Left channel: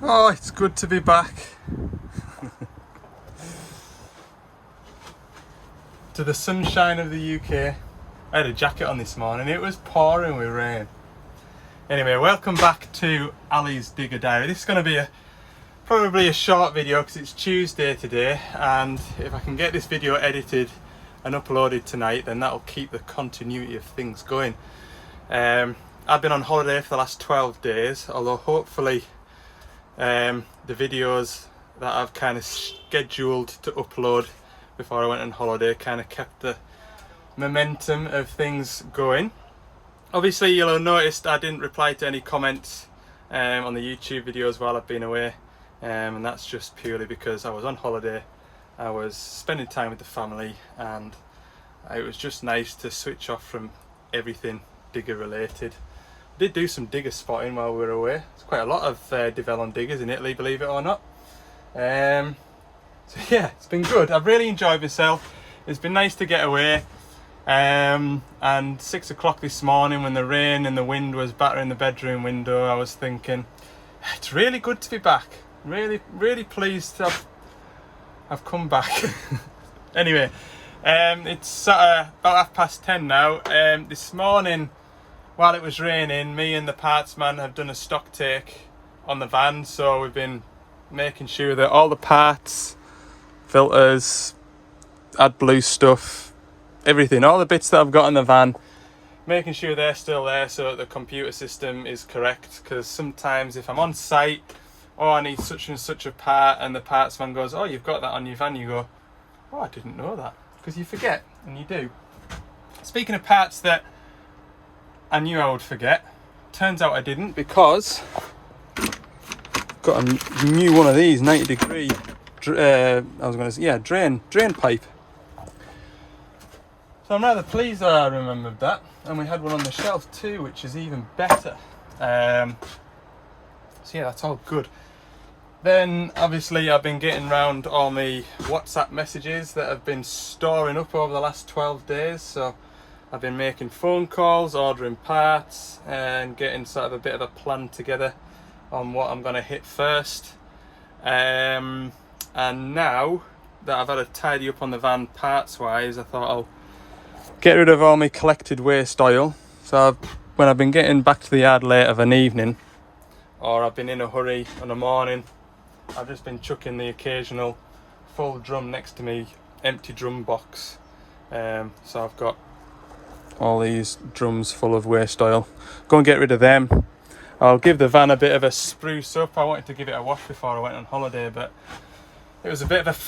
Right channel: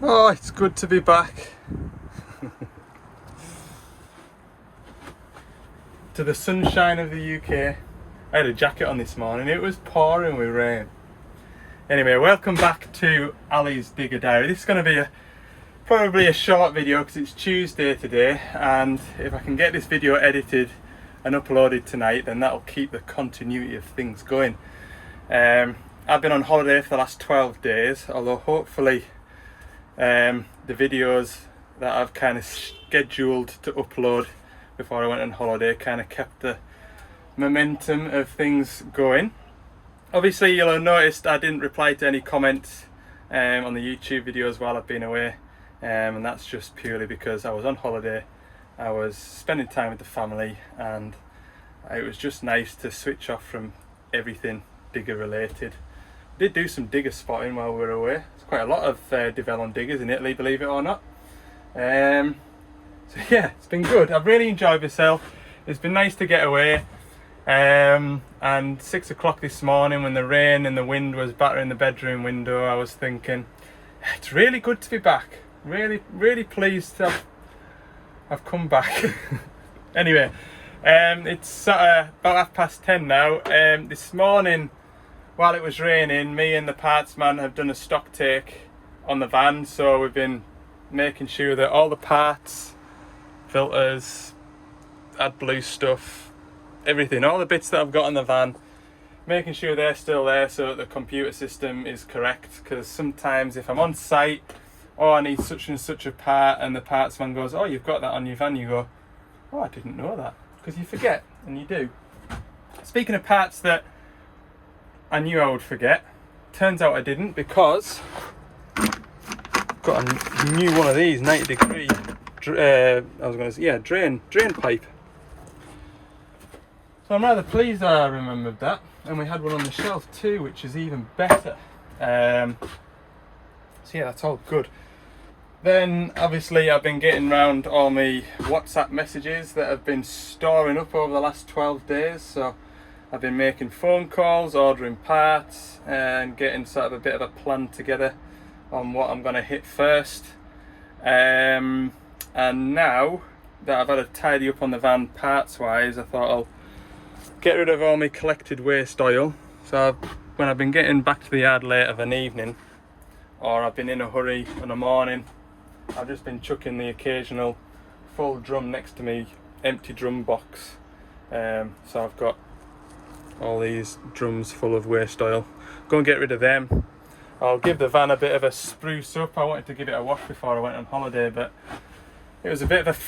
Oh, it's good to be back to the sunshine of the UK. I had a jacket on this morning, it was pouring with rain. Anyway, welcome back to Ali's Digger Diary. This is going to be probably a short video because it's Tuesday today, and if I can get this video edited and uploaded tonight, then that'll keep the continuity of things going. I've been on holiday for the last 12 days, although hopefully the videos that I've kind of scheduled to upload before I went on holiday kind of kept the momentum of things going. Obviously you'll have noticed I didn't reply to any comments on the YouTube videos while I've been away, and that's just purely because I was on holiday, I was spending time with the family, and it was just nice to switch off from everything digger related. Did do some digger spotting while we were away. There's quite a lot of Devellon diggers in Italy, believe it or not. So yeah, it's been good. I've really enjoyed myself. It's been nice to get away. And 6 o'clock this morning, when the rain and the wind was battering the bedroom window, I was thinking, it's really good to be back. Really pleased to have come back. Anyway, it's about 10:30 now. This morning, while it was raining, me and the parts man have done a stock take on the van, so we've been making sure that all the parts, filters, AdBlue stuff, everything, all the bits that I've got in the van, making sure they're still there so that the computer system is correct. Because sometimes if I'm on site, oh, I need such and such a part, and the parts man goes, oh, you've got that on your van, you go, oh, I didn't know that, because you forget, and you do. Speaking of parts that I knew I would forget, turns out I didn't, because I've got a new one of these 90 degree drain pipe. So I'm rather pleased that I remembered that, and we had one on the shelf too, which is even better. So yeah, that's all good. Then obviously I've been getting round all my WhatsApp messages that have been storing up over the last 12 days. So I've been making phone calls, ordering parts, and getting sort of a bit of a plan together on what I'm going to hit first. And now that I've had a tidy up on the van parts wise, I thought I'll get rid of all my collected waste oil. So when I've been getting back to the yard late of an evening, or I've been in a hurry in the morning, I've just been chucking the occasional full drum next to me empty drum box. So I've got all these drums full of waste oil. Go and get rid of them. I'll give the van a bit of a spruce up. I wanted to give it a wash before I went on holiday, but it was a bit of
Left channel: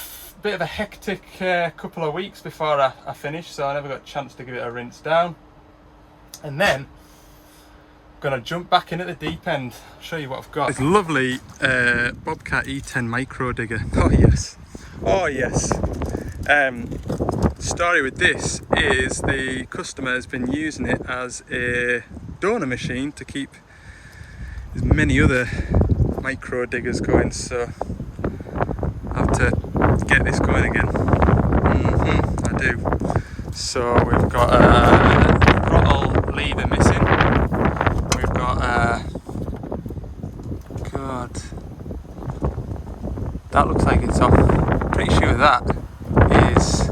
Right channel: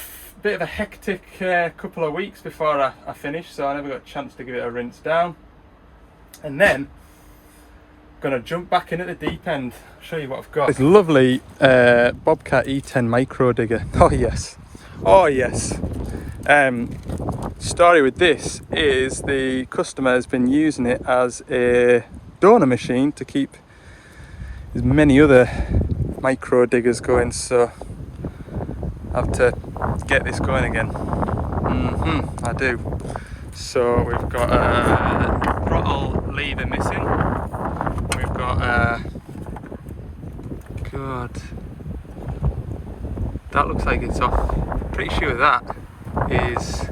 a hectic couple of weeks before I finished, so I never got a chance to give it a rinse down. And then I'm gonna jump back in at the deep end, show you what I've got. This lovely Bobcat E10 micro digger. Oh yes. Story with this is the customer has been using it as a donor machine to keep as many other micro diggers going, so I have to get this going again. I do. So we've got a throttle lever missing. We've got God, that looks like it's off. Pretty sure that is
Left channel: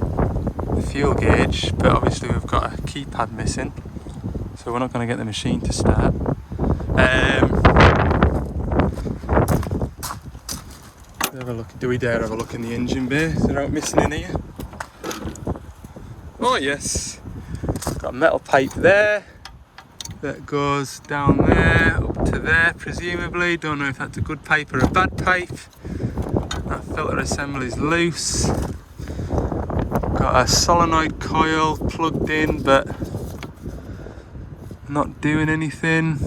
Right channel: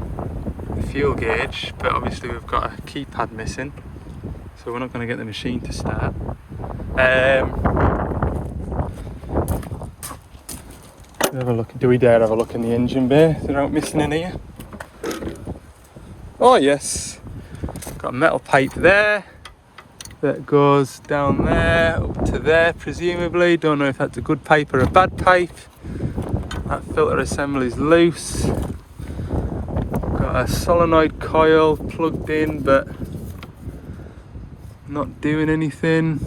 the fuel gauge, but obviously we've got a keypad missing, so we're not going to get the machine to start. Have a look. Do we dare have a look in the engine bay? Is there out missing in here? Oh yes, got a metal pipe there that goes down there up to there presumably. Don't know if that's a good pipe or a bad pipe. That filter assembly is loose. Got a solenoid coil plugged in but not doing anything.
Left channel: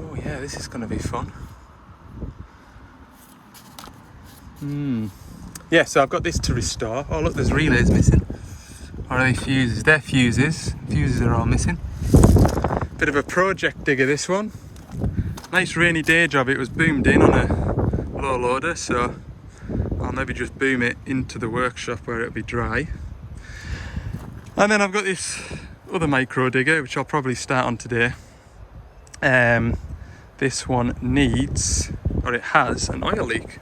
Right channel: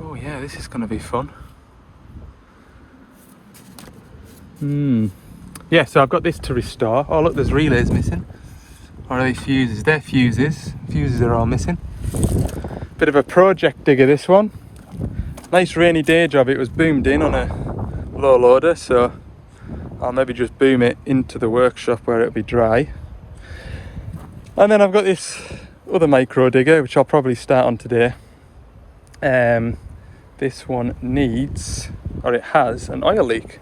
Oh yeah, this is going to be fun. Yeah, so I've got this to restore. Oh look, there's relays missing. Or are they fuses? They're fuses. Fuses are all missing. Bit of a project digger, this one. Nice rainy day job. It was boomed in on a low loader, so I'll maybe just boom it into the workshop where it'll be dry. And then I've got this other micro digger, which I'll probably start on today. this one needs, or it has, an oil leak.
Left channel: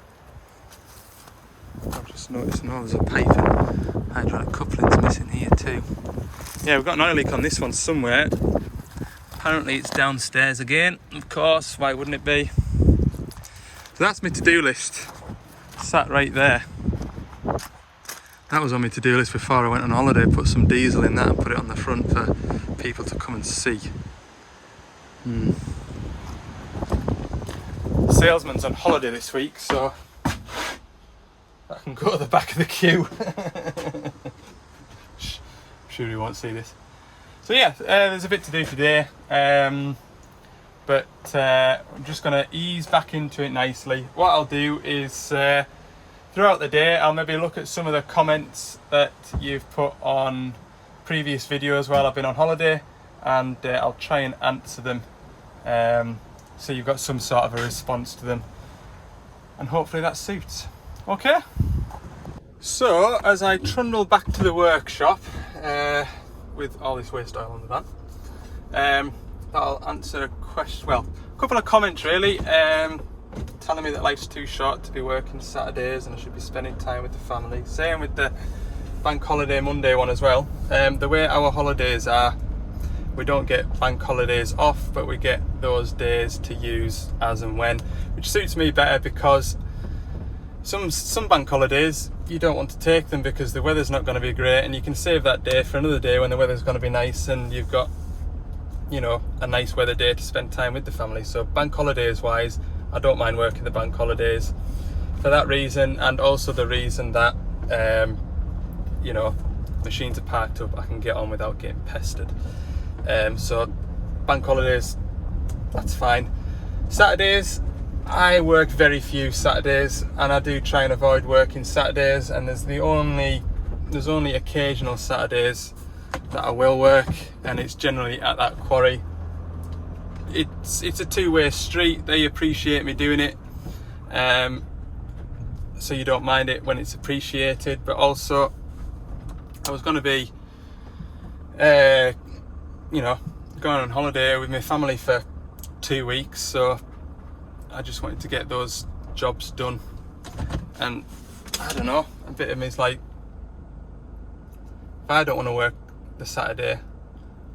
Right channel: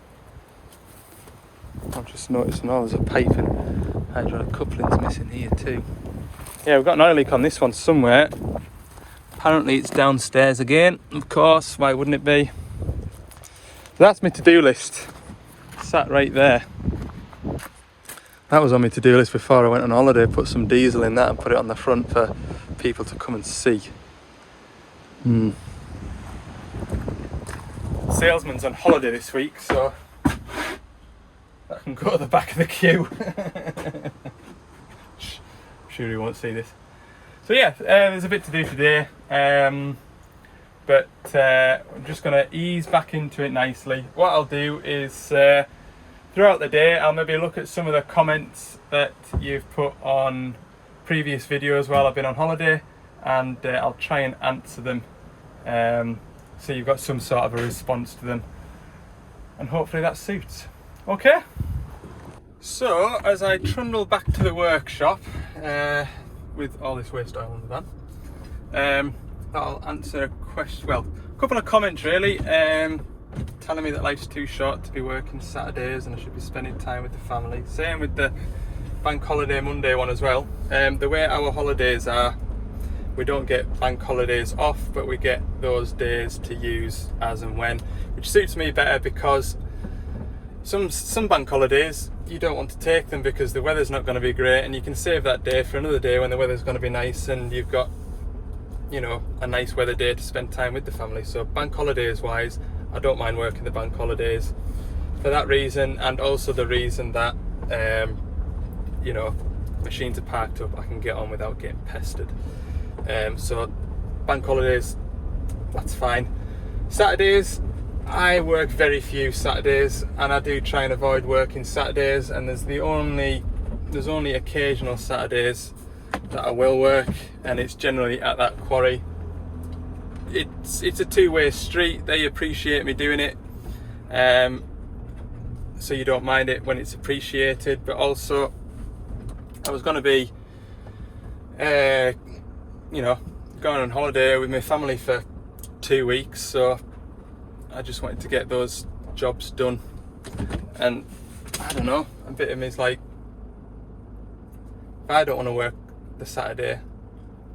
I'm just noticing, oh, there's a pipe and hydraulic coupling's missing here too. Yeah, we've got an oil leak on this one somewhere. Apparently it's downstairs again, of course, why wouldn't it be? So that's my to-do list, sat right there. That was on my to-do list before I went on holiday, put some diesel in that and put it on the front for people to come and see. The salesman's on holiday this week, so I can go to the back of the queue. Sure he won't see this. So yeah, there's a bit to do today, but I'm just going to ease back into it nicely. What I'll do is throughout the day I'll maybe look at some of the comments that you've put on previous videos while I've been on holiday, and I'll try and answer them, so you've got some sort of a response to them, and hopefully that suits. Okay, so as I trundle back to the workshop with all this waste oil in the van, I'll answer a question, well, a couple of comments really, telling me that life's too short to be working Saturdays and I should be spending time with the family. Same with the bank holiday Monday one as well. The way our holidays are, we don't get bank holidays off, but we get those days to use as and when, which suits me better, because some bank holidays you don't want to take them because the weather's not going to be great, and you can save that day for another day when the weather's going to be nice and you've got, you know, a nice weather day to spend time with the family. So bank holidays wise, I don't mind working the bank holidays for that reason, and also the reason that you know, machines are parked up, I can get on without getting pestered. So bank holidays, that's fine. Saturdays, I work very few Saturdays, and I do try and avoid working Saturdays, and there's only occasional Saturdays that I will work, and it's generally at that quarry. It's a two-way street. They appreciate me doing it, so you don't mind it when it's appreciated, but also I was going to be you know, going on holiday with my family for 2 weeks, so I just wanted to get those jobs done. And I don't know, a bit of me is like, if I don't want to work the Saturday,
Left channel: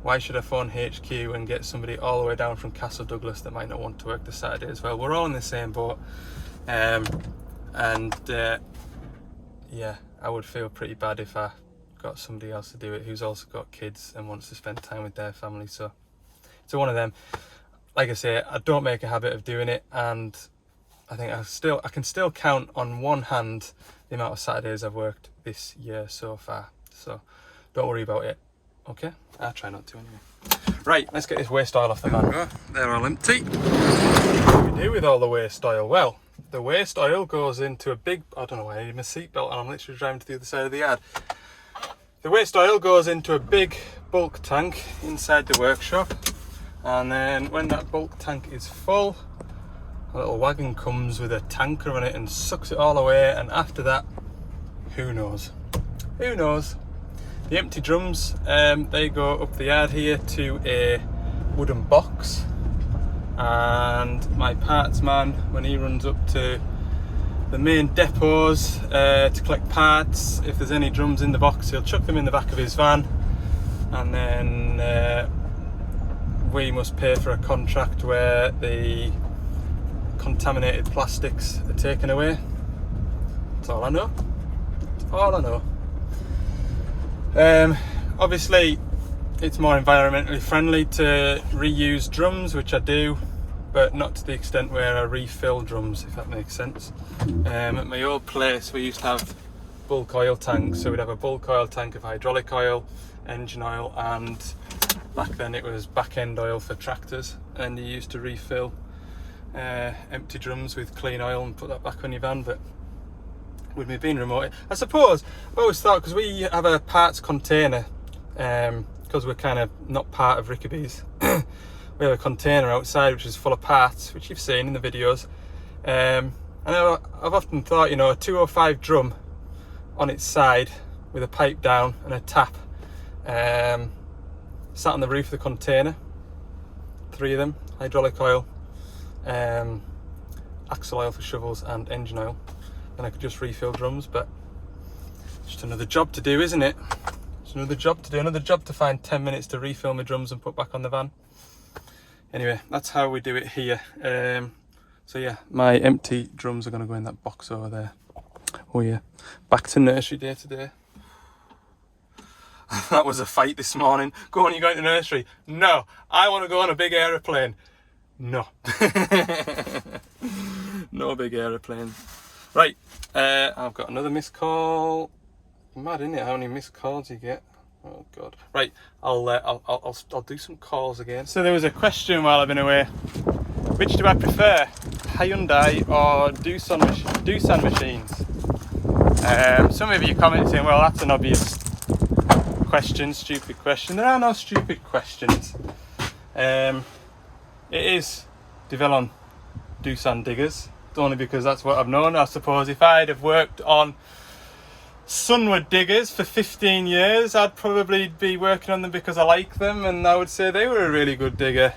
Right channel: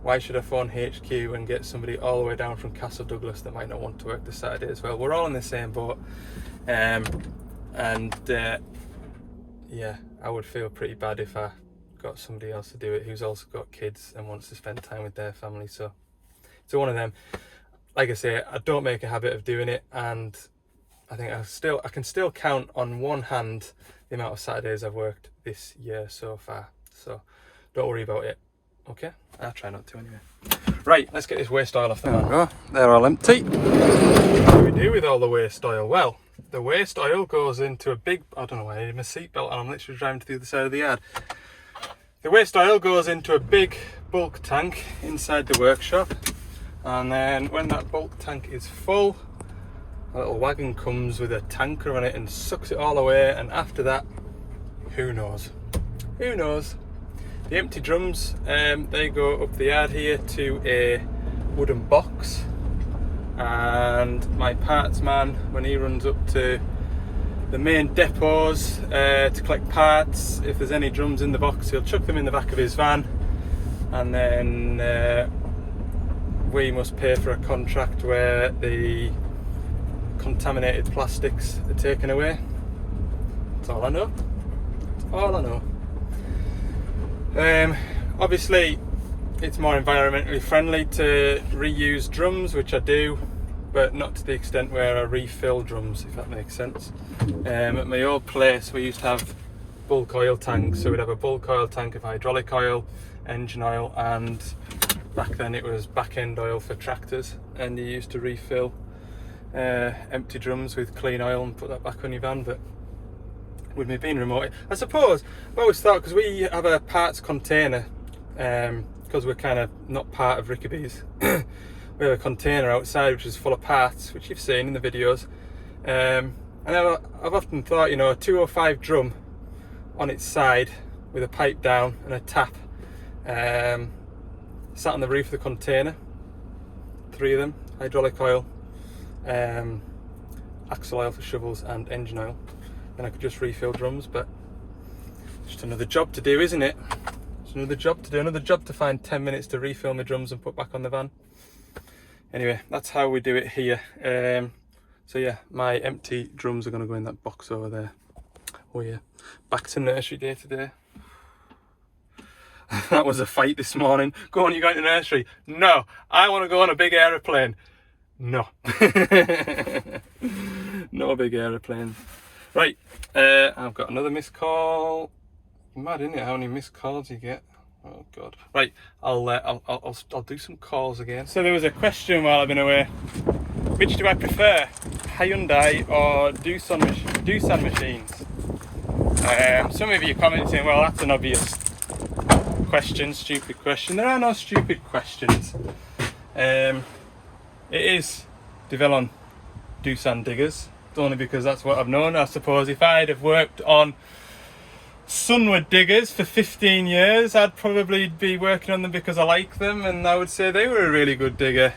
why should I phone HQ and get somebody all the way down from Castle Douglas that might not want to work the Saturday as well? We're all in the same boat, yeah, I would feel pretty bad if I got somebody else to do it who's also got kids and wants to spend time with their family. So one of them. Like I say, I don't make a habit of doing it, and I think I can still count on one hand the amount of Saturdays I've worked this year so far. So don't worry about it. Okay, I'll try not to anyway. Right, let's get this waste oil off the van. They're all empty. What do we do with all the waste oil? Well, the waste oil goes into a big, I don't know why I need my seatbelt, and I'm literally driving to the other side of the yard. The waste oil goes into a big bulk tank inside the workshop, and then when that bulk tank is full, a little wagon comes with a tanker on it and sucks it all away, and after that, who knows? Who knows? The empty drums, they go up the yard here to a wooden box, and my parts man, when he runs up to the main depots to collect parts, if there's any drums in the box, he'll chuck them in the back of his van, and then we must pay for a contract where the contaminated plastics are taken away. That's all I know. That's all I know. Obviously it's more environmentally friendly to reuse drums, which I do, but not to the extent where I refill drums, if that makes sense. At my old place we used to have bulk oil tanks, so we'd have a bulk oil tank of hydraulic oil, engine oil, and back then it was back end oil for tractors, and you used to refill empty drums with clean oil and put that back on your van. But with me being remote, I suppose I've always thought, because we have a parts container, because we're kind of not part of Rickaby's, we have a container outside which is full of parts, which you've seen in the videos, and I've often thought, you know, a 205 drum on its side with a pipe down and a tap, sat on the roof of the container, 3 of them, hydraulic oil, axle oil for shovels and engine oil, then I could just refill drums. But just another job to do, isn't it? It's another job to do, another job to find 10 minutes to refill my drums and put back on the van. Anyway, that's how we do it here. So yeah, my empty drums are going to go in that box over there. Oh yeah, back to nursery day today. That was a fight this morning. Go on, you're going to nursery. No, I want to go on a big aeroplane. No. No big aeroplanes. Right, I've got another missed call. Mad, isn't it, how many missed calls you get? Oh god. Right, I'll do some calls again. So there was a question while I've been away. Which do I prefer, Hyundai or Doosan machines? Some of you commented saying, well, that's an obvious question, stupid question. There are no stupid questions. It is Devellon Doosan diggers, only because that's what I've known. I suppose if I'd have worked on Sunwood diggers for 15 years, I'd probably be working on them because I like them, and I would say they were a really good digger.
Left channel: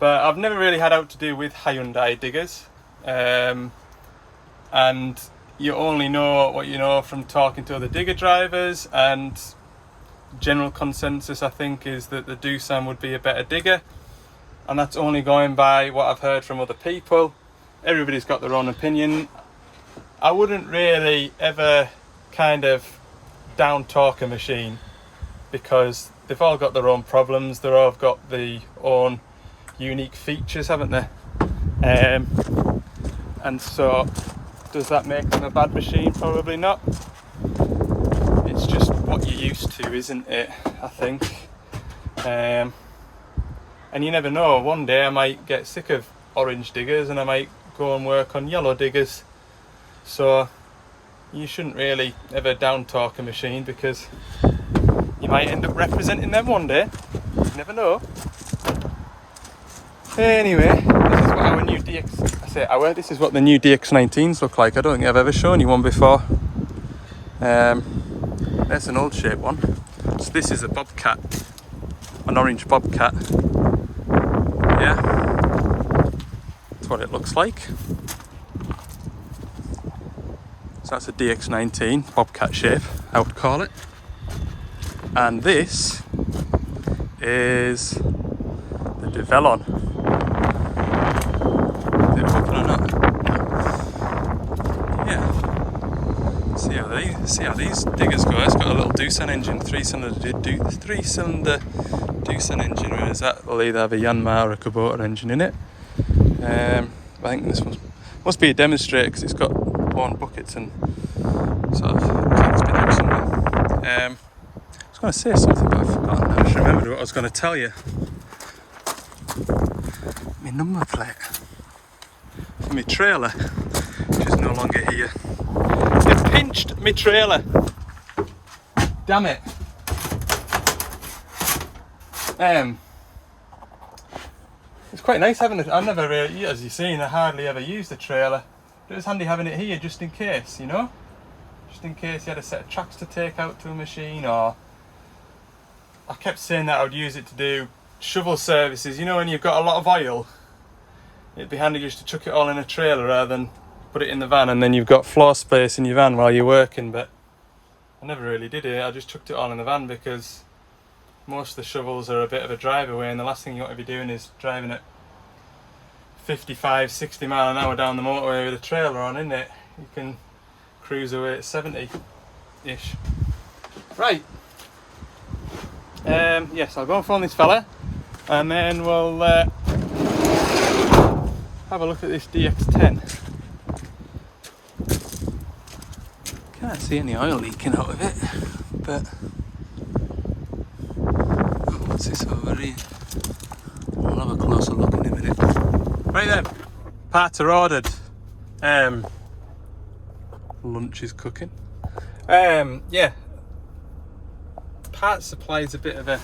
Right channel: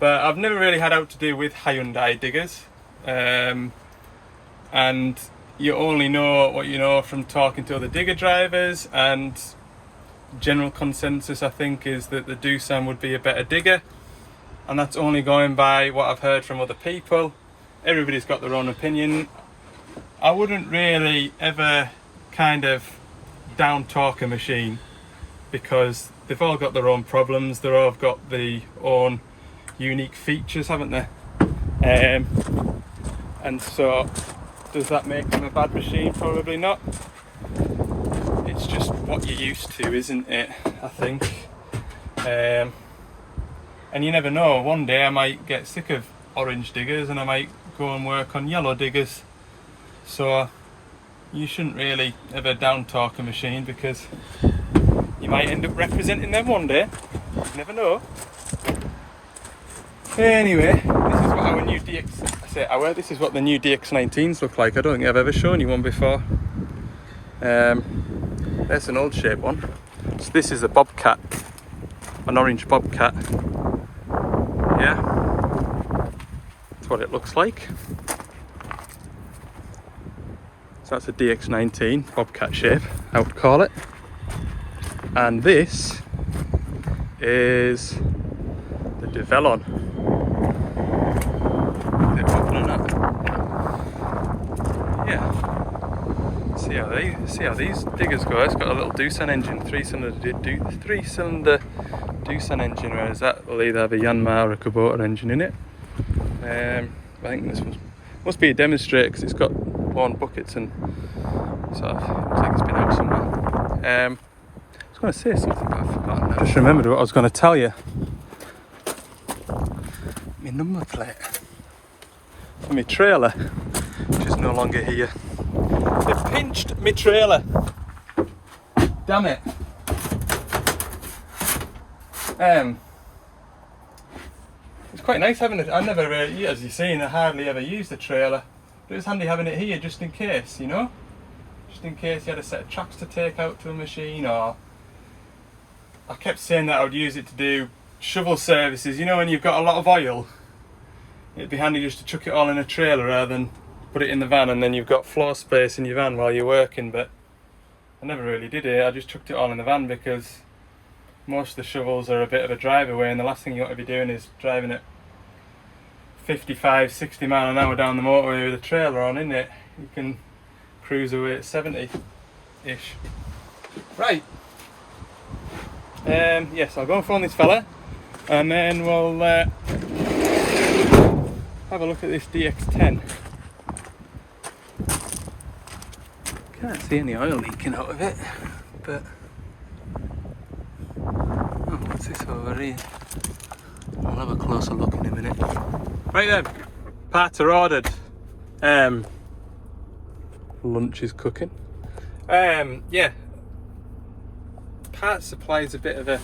But I've never really had out to do with Hyundai diggers. And you only know what you know from talking to other digger drivers, and general consensus I think is that the Doosan would be a better digger, and that's only going by what I've heard from other people. Everybody's got their own opinion. I wouldn't really ever kind of down talk a machine, because they've all got their own problems, they've all got their own unique features, haven't they? And so does that make them a bad machine? Probably not. It's just what you're used to, isn't it? I think. And you never know, one day I might get sick of orange diggers and I might go and work on yellow diggers. So you shouldn't really ever down talk a machine, because you might end up representing them one day. You never know. Anyway, this is what our new this is what the new DX19s look like. I don't think I've ever shown you one before. There's an old shape one. So this is a Bobcat, an orange Bobcat. Yeah, that's what it looks like. So that's a DX19 Bobcat shape, I would call it. And this is the Devellon. Yeah. See how these diggers go. It's got a little Doosan engine, three-cylinder Doosan engine, whereas that will either have a Yanmar or a Kubota engine in it. I think this one must be a demonstrator because it's got worn buckets and sort of, I think it's been out somewhere. I was going to say something, but I've forgotten. I just remembered what I was going to tell you. My number plate for my trailer, which is no longer here. They pinched my trailer. Damn it. It's quite nice having it. I never really, as you've seen, I hardly ever use the trailer. But it's handy having it here just in case, you know? Just in case you had a set of tracks to take out to a machine, or I kept saying that I would use it to do shovel services, you know, when you've got a lot of oil. It'd be handy just to chuck it all in a trailer rather than put it in the van, and then you've got floor space in your van while you're working. But I never really did it. I just chucked it all in the van because most of the shovels are a bit of a drive away, and the last thing you want to be doing is driving at 55, 60 mile an hour down the motorway with a trailer on, isn't it? You can cruise away at 70-ish. Right. Yes, I'll go and phone this fella, and then we'll have a look at this DX10. Can't see any oil leaking out of it, but oh, what's this over here? We'll have a closer look in a minute. Right then, parts are ordered. Lunch is cooking. Yeah, parts supply is a bit of a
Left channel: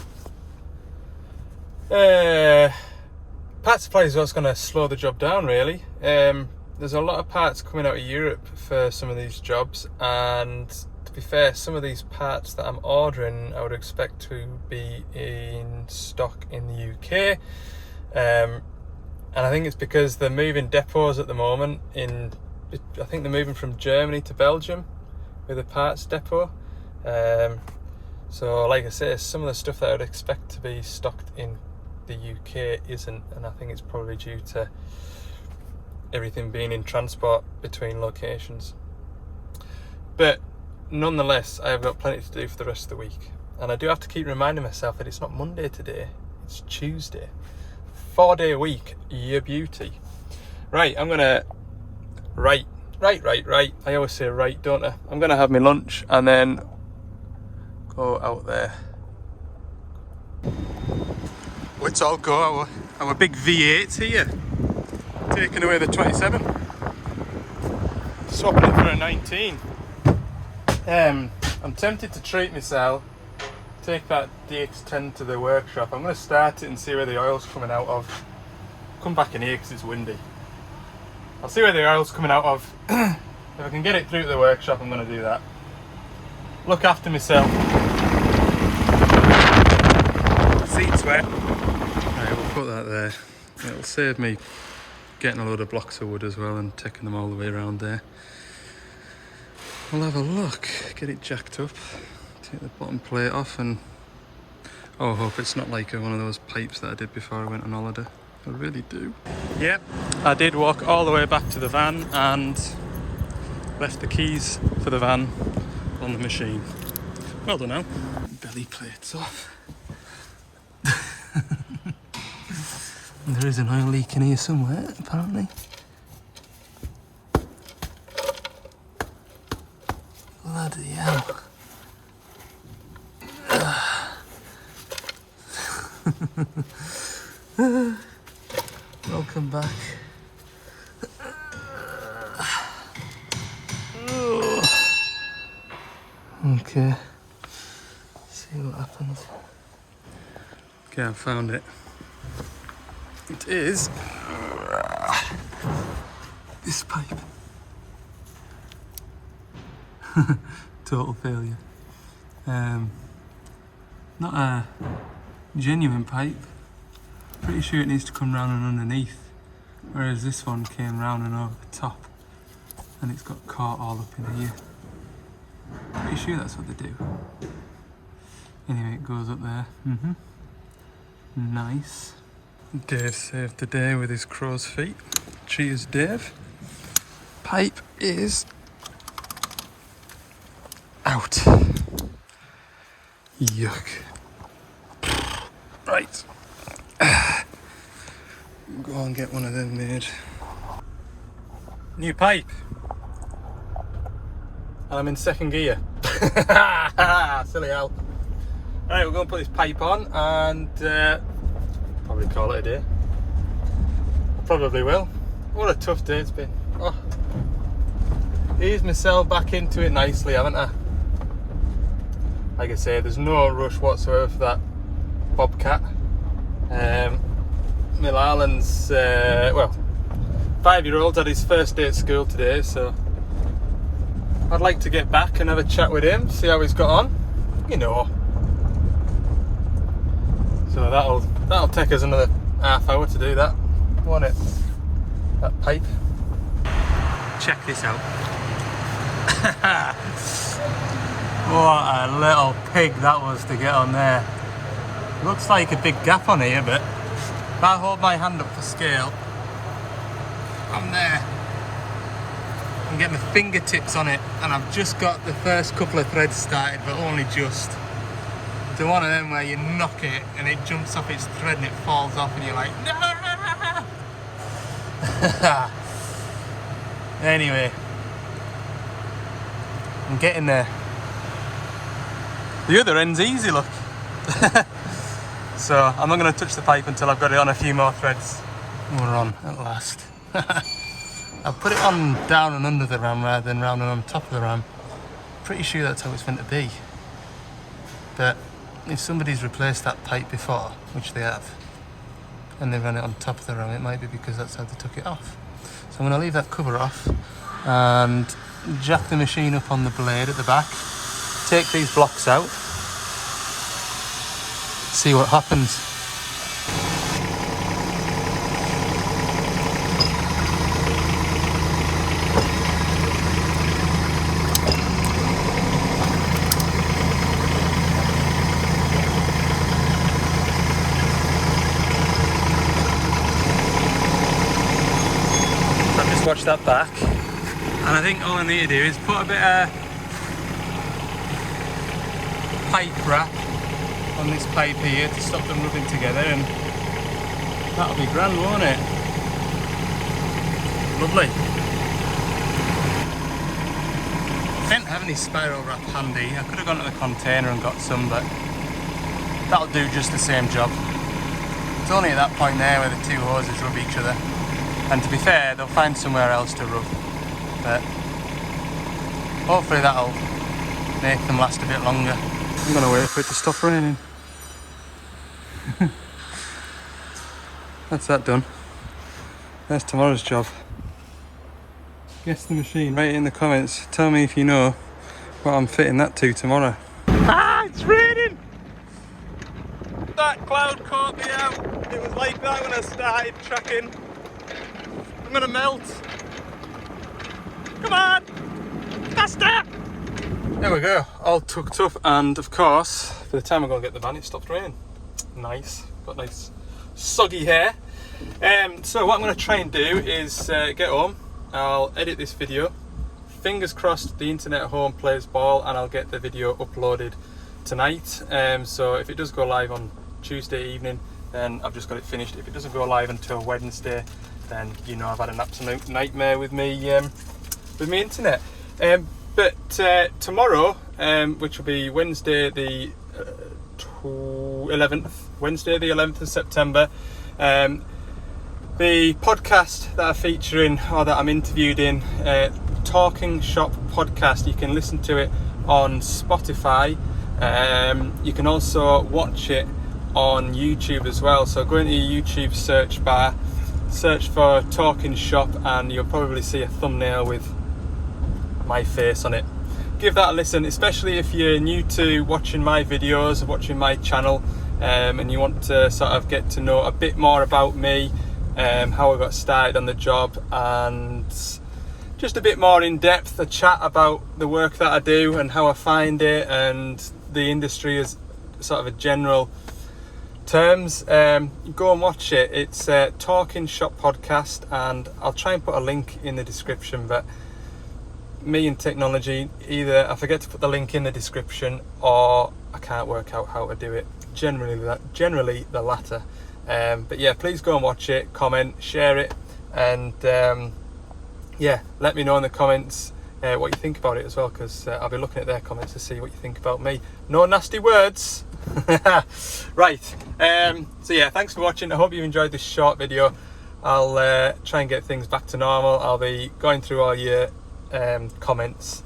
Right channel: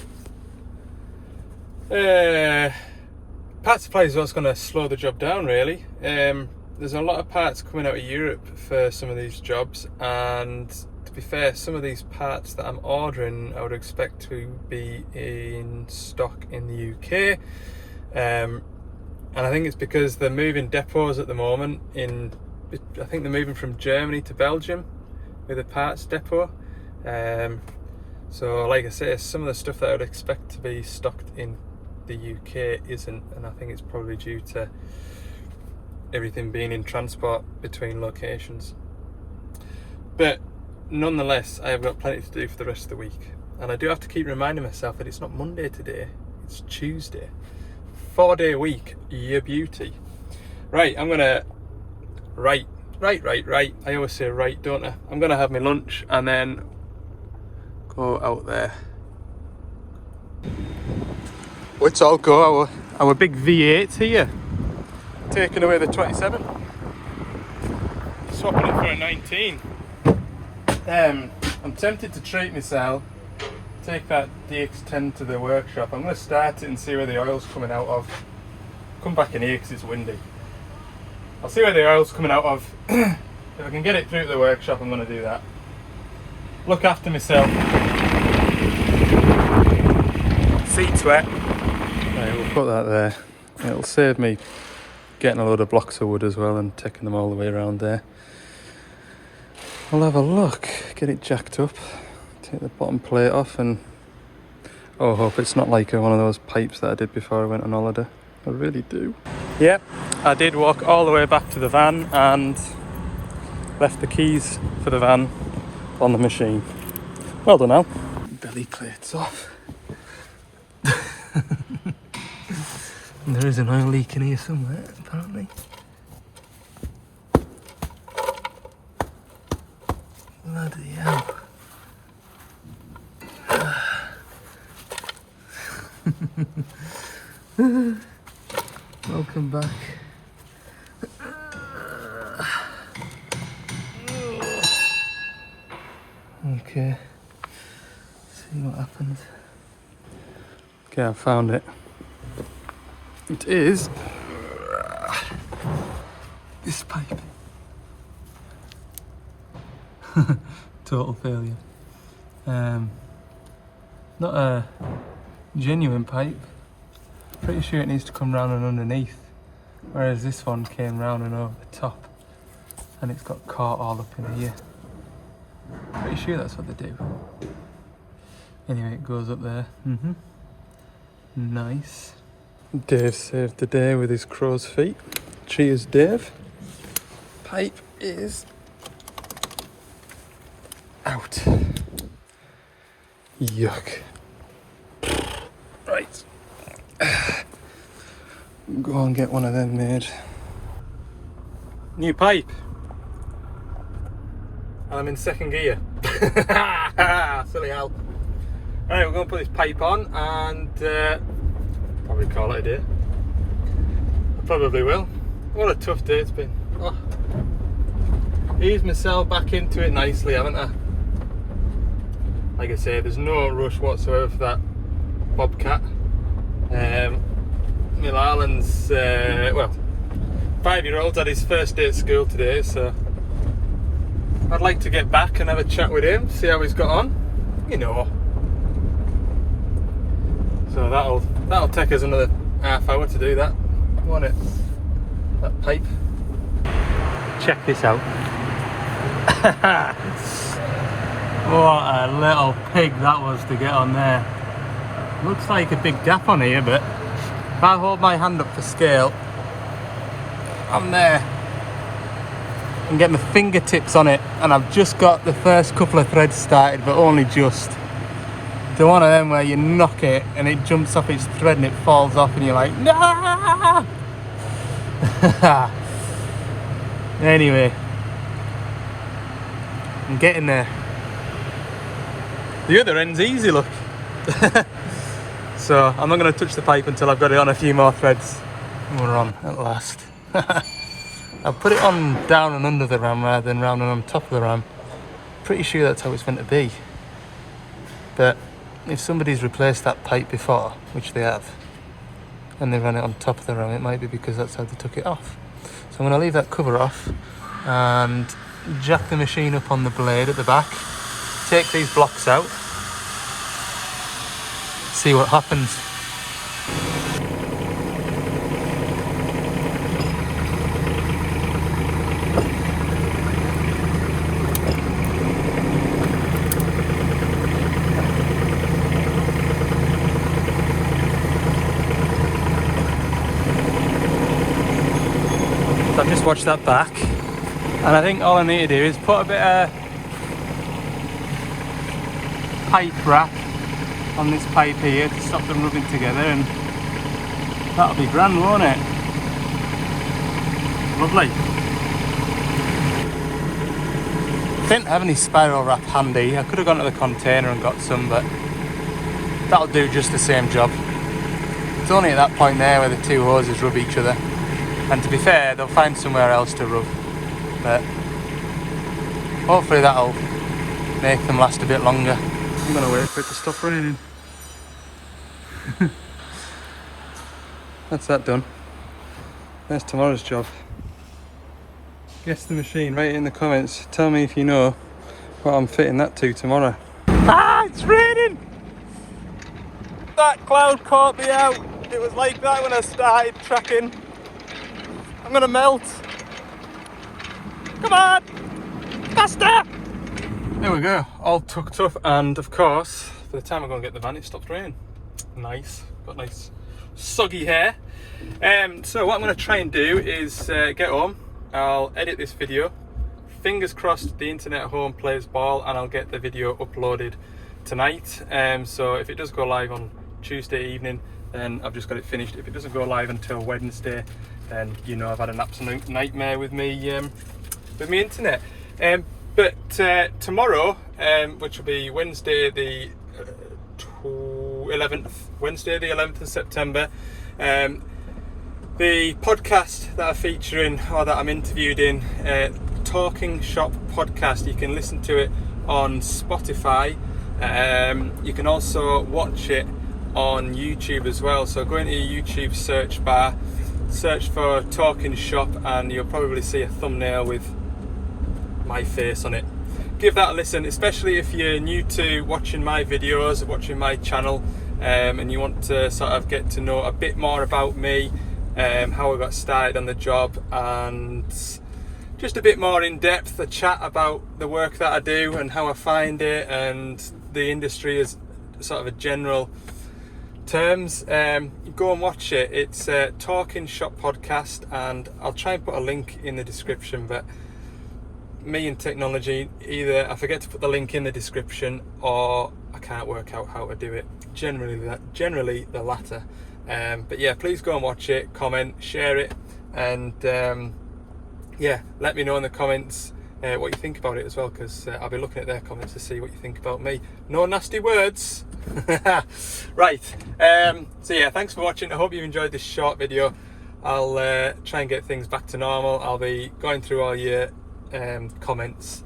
parts supply is what's going to slow the job down, really. There's a lot of parts coming out of Europe for some of these jobs, and to be fair, some of these parts that I'm ordering I would expect to be in stock in the UK. And I think it's because they're moving depots at the moment I think they're moving from Germany to Belgium with a parts depot. So like I say, some of the stuff that I would expect to be stocked in the UK isn't, and I think it's probably due to everything being in transport between locations. But nonetheless, I have got plenty to do for the rest of the week, and I do have to keep reminding myself that it's not Monday today, it's Tuesday. 4-day week, your beauty. Right, I'm gonna right. I always say right, don't I? I'm gonna have my lunch and then go out there. Let's all go. Our big V8 here, taking away the 27. Swapping it for a 19. I'm tempted to treat myself, take that DX10 to the workshop. I'm going to start it and see where the oil's coming out of. Come back in here because it's windy. I'll see where the oil's coming out of. If I can get it through to the workshop, I'm going to do that. Look after myself. Seat's wet. Right, we'll put that there. It'll save me getting a load of blocks of wood as well and taking them all the way around there. We'll have a look, get it jacked up, take the bottom plate off, and oh, I hope it's not like one of those pipes that I did before I went on holiday. I really do. Yep, I did walk all the way back to the van and left the keys for the van on the machine. Well done, Al. Belly plate's off. There is an oil leak in here somewhere, apparently. Bloody hell. Welcome back. Okay. See what happens. Okay, I found it. It is this pipe. Total failure. Not a genuine pipe. Pretty sure it needs to come round and underneath, whereas this one came round and over the top, and it's got caught all up in here. Pretty sure that's what they do. Anyway, it goes up there. Nice. Dave saved the day with his crow's feet. Cheers, Dave. Pipe is out. Yuck. Right. Go and get one of them made. New pipe. And I'm in second gear. Silly hell. Right, we're going to put this pipe on and probably call it a day. Probably will. What a tough day it's been. Oh. Eased myself back into it nicely, haven't I? Like I say, there's no rush whatsoever for that Bobcat. Mill Arlen's, 5-year-old had his first day at school today, so I'd like to get back and have a chat with him, see how he's got on, you know. So that'll take us another half hour to do that, won't it? That pipe. Check this out. What a little pig that was to get on there. Looks like a big gap on here, but if I hold my hand up for scale, I'm there. And get my fingertips on it, and I've just got the first couple of threads started, but only just. The one of them where you knock it and it jumps off its thread and it falls off and you're like, nah! Anyway, I'm getting there. The other end's easy, look. So I'm not going to touch the pipe until I've got it on a few more threads. We're on at last. I'll put it on down and under the ram rather than round and on top of the ram. Pretty sure that's how it's meant to be. But if somebody's replaced that pipe before, which they have, and they ran it on top of the ram, it might be because that's how they took it off. So I'm going to leave that cover off and jack the machine up on the blade at the back, take these blocks out, see what happens. that back. And I think all I need to do is put a bit of pipe wrap on this pipe here to stop them rubbing together, and that'll be grand, won't it? Lovely. I didn't have any spiral wrap handy. I could have gone to the container and got some, but that'll do just the same job. It's only at that point there where the two hoses rub each other, and to be fair, they'll find somewhere else to rub, but hopefully that'll make them last a bit longer. I'm gonna wait for it to stop raining. That's that done. There's tomorrow's job. Guess the machine. Write it in the comments. Tell me if you know what I'm fitting that to tomorrow. Ah, it's raining! That cloud caught me out. It was like that when I started tracking. I'm gonna melt. Come on! Faster! There we go, all tucked up, and of course, by the time I'm gonna get the van, it stopped raining. Nice, got nice soggy hair. So what I'm gonna try and do is get home. I'll edit this video. Fingers crossed the internet at home plays ball, and I'll get the video uploaded tonight. So if it does go live on Tuesday evening, then I've just got it finished. If it doesn't go live until Wednesday, then you know I've had an absolute nightmare with me internet. But tomorrow, which will be Wednesday the 11th, Wednesday the 11th of September, the podcast that I'm featuring, or that I'm interviewed in, Talking Shop Podcast, you can listen to it on Spotify. You can also watch it on YouTube as well. So go into your YouTube search bar, search for Talking Shop, and you'll probably see a thumbnail with my face on it. Give that a listen, especially if you're new to watching my videos, watching my channel, and you want to sort of get to know a bit more about me, how I got started on the job, and just a bit more in depth, a chat about the work that I do and how I find it, and the industry as sort of a general terms. Go and watch it. It's Talking Shop Podcast, and I'll try and put a link in the description, but me and technology, either I forget to put the link in the description or I can't work out how to do it. Generally the latter. But yeah, please go and watch it, comment, share it, and yeah, let me know in the comments what you think about it as well, because I'll be looking at their comments to see what you think about me. No nasty words. Right, so yeah, thanks for watching. I hope you enjoyed this short video. I'll try and get things back to normal. I'll be going through all your comments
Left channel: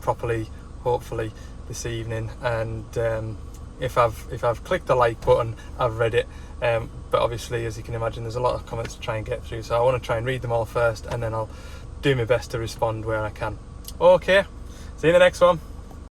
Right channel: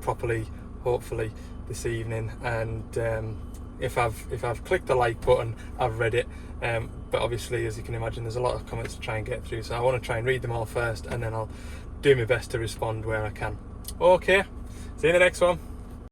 properly, hopefully this evening, and if I've clicked the like button, I've read it, but obviously, as you can imagine, there's a lot of comments to try and get through, so I want to try and read them all first, and then I'll do my best to respond where I can. Okay, see you in the next one.